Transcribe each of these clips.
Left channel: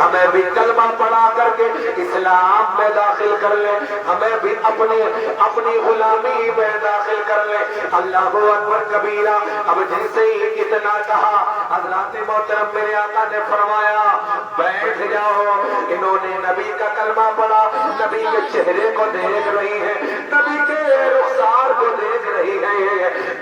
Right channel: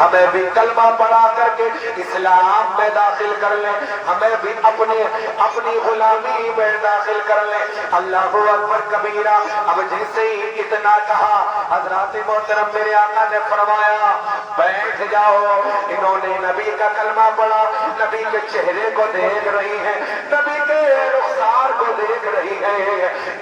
ہمیں بھی کلمہ پڑھا کر کے اسلام میں داخل کر لے، ہمیں بھی اپنی غلامی میں داخل کر لے۔ اللہ اکبر کبیرہ۔ اب جیسے ہی اتنا کہا، حضرات محترم میرے آقا نے فرمایا بیٹھ جاؤ۔ انہوں نے نبی کا کلمہ پڑھا، نبی کے چہرے کو دیکھ رہی ہے، نبی کے رخسار کو دیکھ رہی ہے،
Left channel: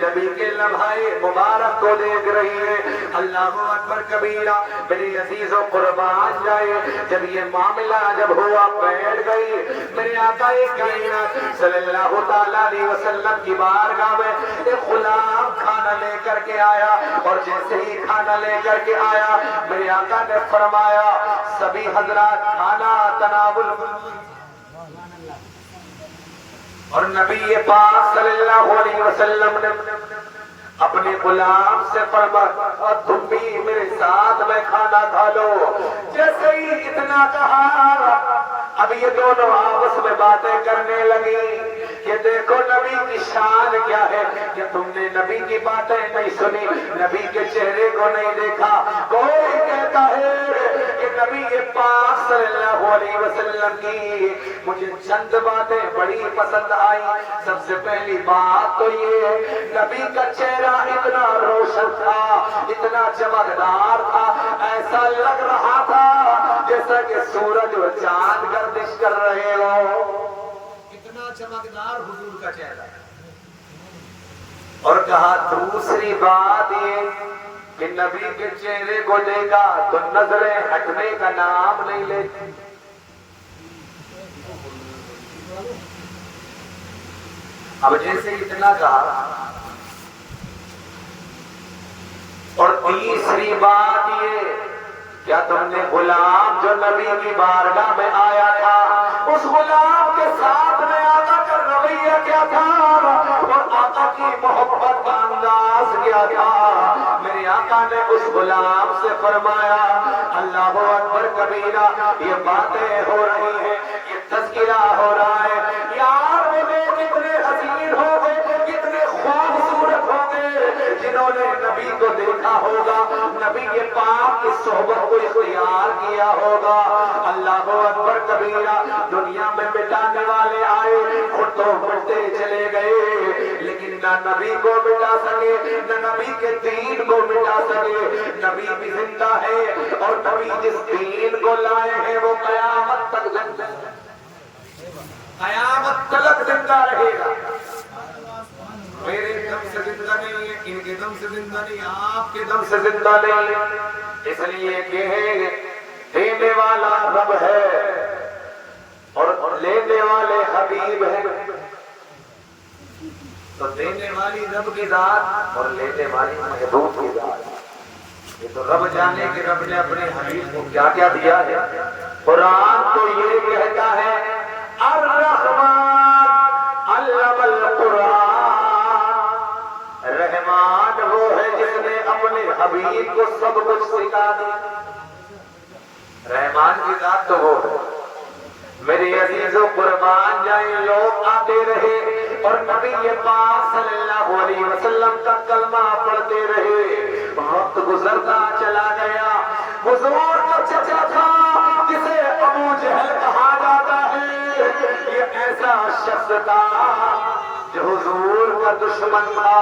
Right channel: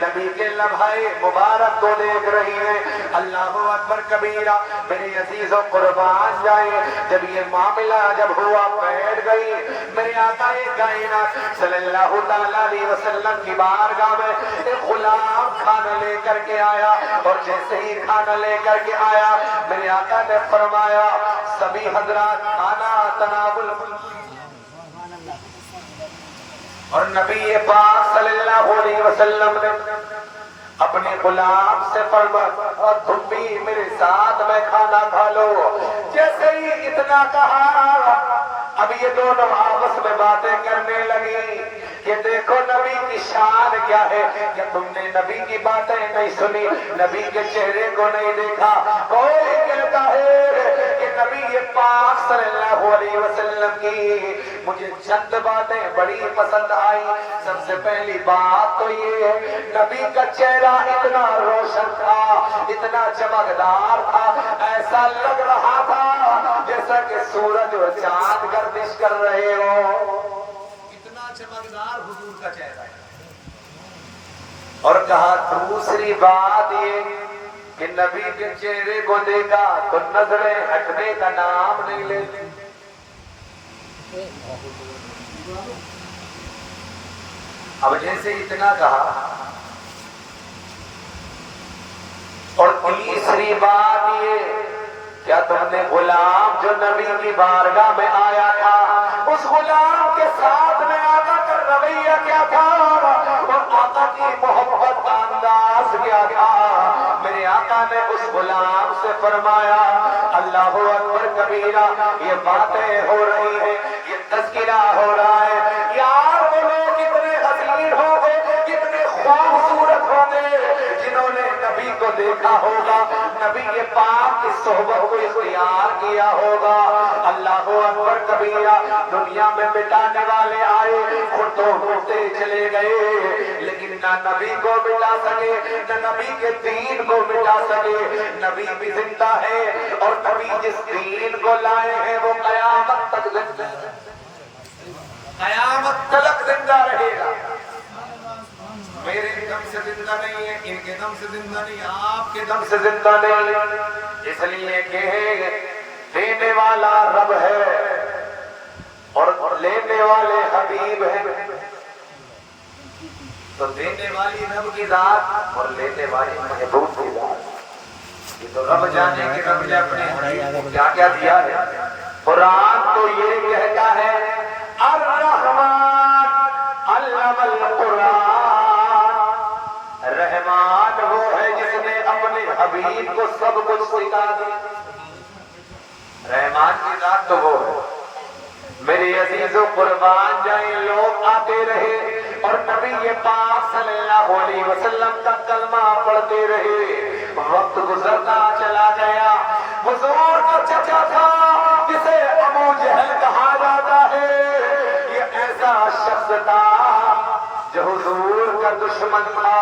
نبی کے لمحے مبارک کو دیکھ رہی ہے۔ اللہ اکبر کبیرہ۔ میرے عزیز و قربان جائے، جب یہ معاملہ جب ہوا بیٹھ گئی، میرے آقا کائنات صلی اللہ تعالیٰ علیہ وسلم کی بارگاہ میں ایک غلام کھانا لے کر کے آیا، اور جیسے ہی کھانا لے کر کے آیا، میرے آقا نے فرمایا سبھی حضرات کھانا تناول، اور نبی پاک صلی اللہ علیہ وسلم نے اپنے غلام سے فرمایا اور تم بھی میرے ساتھ میں کھانا کھا لو۔ جیسے ہی اتنا کہا، اب یہ دونوں آپس میں باتیں کرنے لگی کہ دیکھو نبی کی شان کیا ہے، کہ تم نے نبی کی باتیں نہیں سنی، نبی کے چہرے کو نہیں دیکھا۔ کوئی کہتا ہے کہ نبی پاک صلی اللہ علیہ وسلم کی مجھے چند باتیں بڑی پسند آئیں۔ سب سے پہلی بات تو یہ، نبی کا چہرہ اتنا روشن تھا، اتنا چمکدار تھا، ایسا لگ رہا تھا جیسا کہ سورج اور چاند گردش کر رہے ہو، اتنا چمکدار حضور کا چہرہ ہے۔ اور کہا دوسری بات یہ کہ نبی کے چہرے کو دیکھا تو نظریں ہٹنے کا نام نہیں لیتے۔ اب جیسے اتنا کہا، اور تیسری بات یہ، کیا تم نے غلام جو نبی کی بارگاہ میں آیا تھا، اس غلام کے ساتھ میں آقا کا رویہ کیا تھا، اور آقا کی محبت کا انداز کیا تھا؟ میرے آقا نے اس غلام سے فرمایا اللہ اکبر کبیرہ، یہ باتیں ہو رہی ہیں، یہ تذکرہ ہو رہا ہے، یار وہ لوگ کتنے حسین ہوں گے، کتنے خوبصورت ہوں گے جنہوں نے نبی کو دیکھا ہوگا، نبی کے پاک کی صحبت کو اختیار کیا ہوگا۔ اللہ اکبر کبیرہ۔ دنیا میں مٹانے والے آئے، خود تو مٹتے چلے گئے، لیکن نہ نبی کو مٹا سکے، نہ نبی کے دین کو مٹا سکے۔ نبی بھی زندہ ہے، اور نبی جس دین کو لائے ہیں وہ قیامت تک زندہ ہے، قیامت تک زندہ رہے گا۔ میرے دم سے زندہ نہیں ہے، ان کے دم سے زندہ نہیں، آپ کے دم سے زندہ نہیں، اس لیے کہ دینے والا رب ہے اور لینے والے حبیب ہیں۔ تو دینے والی رب کی ذات اور لینے والی محبوب کی ذات، یہ تو رب جانے کہ رب نے اپنے حبیب کو کیا کیا دیا ہے۔ قرآن تو یہ کہتا ہے الرحمن علم القرآن، رحمان وہ ہے جس نے اپنے حبیب کو سب کچھ سکھا دیا۔ رحمان کی ذات تو وہ ہے۔ میرے عزیز و قربان جائیں، لوگ آتے رہے اور نبی پاک صلی اللہ علیہ وسلم کا کلمہ پڑھتے رہے، وقت گزرتا چلا گیا۔ حضور کا چچا تھا جسے ابو جہل کہا جاتا ہے، یہ ایسا شخص تھا جو حضور کا دشمن تھا،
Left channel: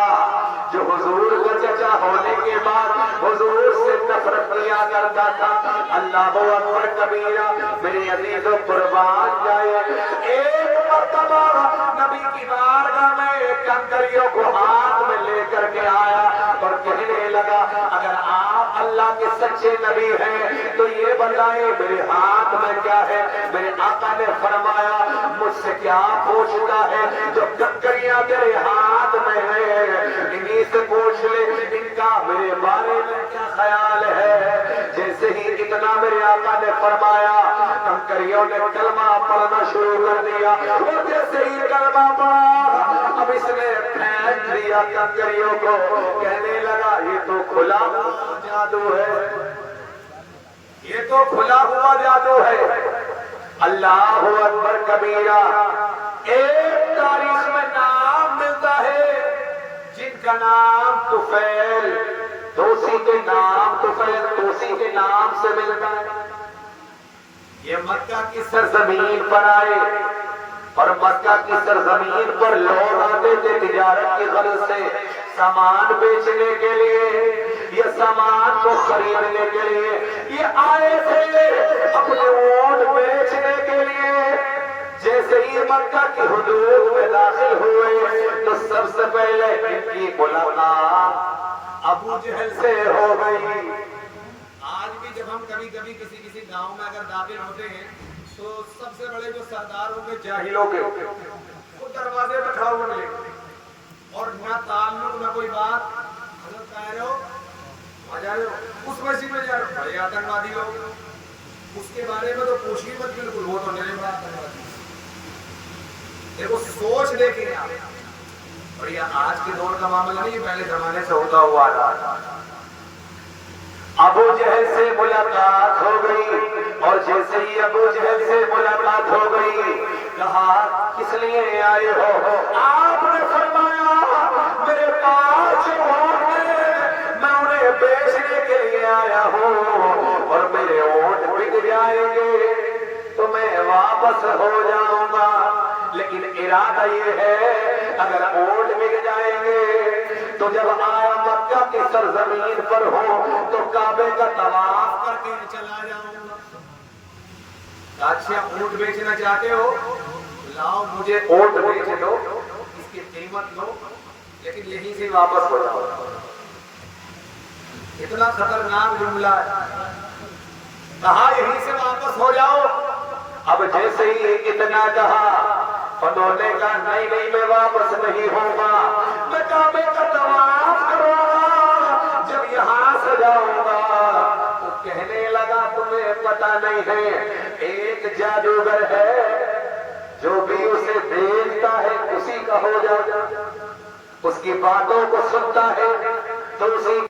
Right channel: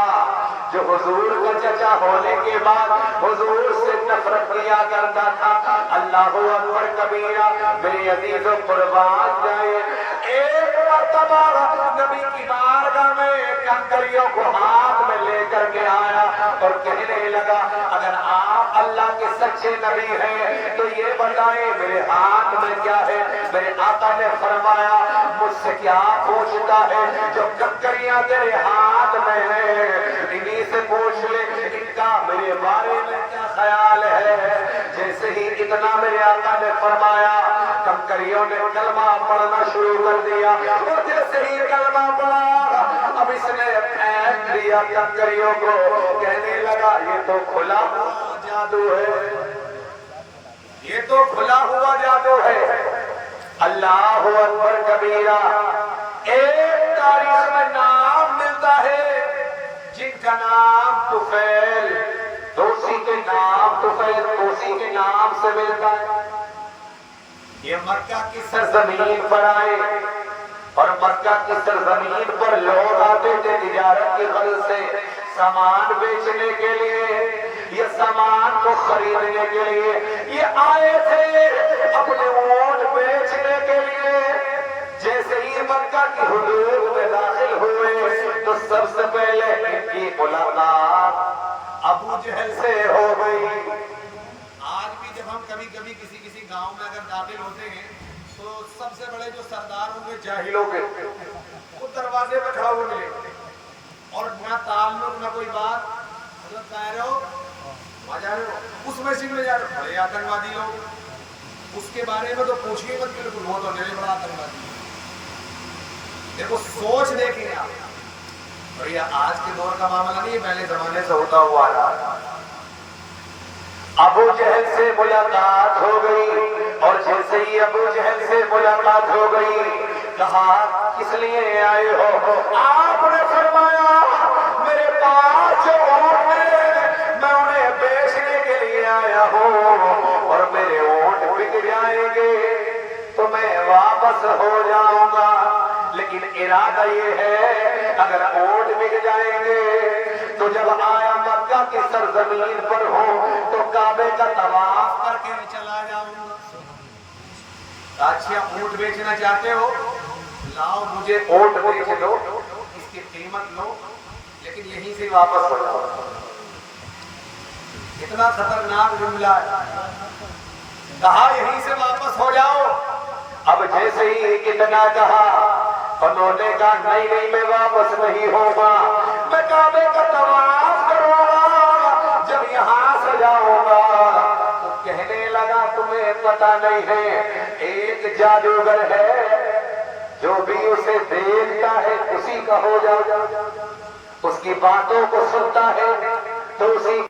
جو حضور کا چچا ہونے کے بعد حضور سے نفرت کیا کرتا تھا۔ اللہ اکبر کبیرہ۔ میرے عزیز و قربان جائے، ایک مرتبہ نبی کی بارگاہ میں کنکریوں کو ہاتھ میں لے کر کے آیا اور کہنے لگا اگر آپ اللہ کے سچے نبی ہیں تو یہ بتائیں میرے ہاتھ میں کیا ہے۔ میرے آقا نے فرمایا مجھ سے کیا پوچھتا ہے، جو کنکریاں تیرے ہاتھ میں ہیں انہی سے پوچھ لے، ان کا میرے بارے میں کیا خیال ہے۔ جیسے ہی اتنا میرے آقا نے فرمایا، کنکریوں نے کلمہ پڑھنا شروع کر دیا، اور جیسے ہی کلمہ پڑھا اب اس نے پھینک دیا کنکریوں کو، کہنے لگا یہ تو کھلا ہوا جادو ہے، یہ تو کھلا ہوا جادو ہے۔ اللہ اکبر کبیرہ۔ ایک تاریخ میں نام ملتا ہے جن کا نام طفیل، توسی کے نام طفیل توسی کے نام سے ملتا ہے۔ یہ مکہ کی سرزمین پر آئے اور مکہ کی سرزمین پر لوگ آتے تھے تجارت کی غرض سے، سامان بیچنے کے لیے یا سامان کو خریدنے کے لیے، یہ آئے تھے اپنے اونٹ بیچنے کے لیے۔ جیسے ہی مکہ کی حدود میں داخل ہوئے تو سب سے پہلے ان کی ملاقات ابو جہل سے ہو گئی۔ آج بھی جب ہم کبھی کبھی کسی گاؤں میں اگر داخل ہوتے ہیں تو سب سے بڑے جو سردار ہوں گے جاہلوں کے وہ دروازے پہ کھڑے ہوئے ملے اور نہ تعلق نہ کوئی بات، حضرت کہہ رہے ہو وہاں جا رہے ہو اس مسجد میں جا رہے ہو، بڑے آتنکوادی لوگ، اس کے بارے میں تو پوچھیے مت، بالکل وہ تو میرے بڑا آتنکوادی۔ دیکھو سوچ دیکھیں آپ، اور یہ آج کے دور کا معاملہ نہیں، یہ پہلے زمانے سے ہوتا ہوا ہے۔ ابو جہل سے ملاقات ہو گئی اور جیسے ہی ابو جہل سے ملاقات ہو گئی کہا کس لیے آئے ہو؟ آپ نے فرمایا میرے پاس جو اونٹ ہیں میں انہیں بیچنے کے لیے آیا ہوں اور میرے اونٹ بک جائیں گے تو میں واپس ہو جاؤں گا، لیکن ارادہ یہ ہے اگر اونٹ بک جائیں گے تو جب آیا مکہ کی سرزمین پر ہوں تو کعبے کا طواف کر کے چلا جاؤں۔ اچھا اونٹ بیچنا چاہتے ہو، لاؤ مجھے اونٹ بیچ دو، اس کی قیمت لو، لیکن یہیں سے واپس ہو جاؤ۔ اتنا خطرناک جملہ ہے، کہا یہیں سے واپس ہو جاؤ۔ اب جیسے ہی اتنا کہا انہوں نے کہا نہیں نہیں میں واپس نہیں ہوگا، میں کعبے کا طواف کروں گا، جب یہاں سے جاؤں گا تو کہنے لگا تمہیں پتہ نہیں ہے ایک جادوگر ہے جو بھی اسے دیکھتا ہے اسی کا ہو جاتا، اس کی باتوں کو سنتا ہے تو اسی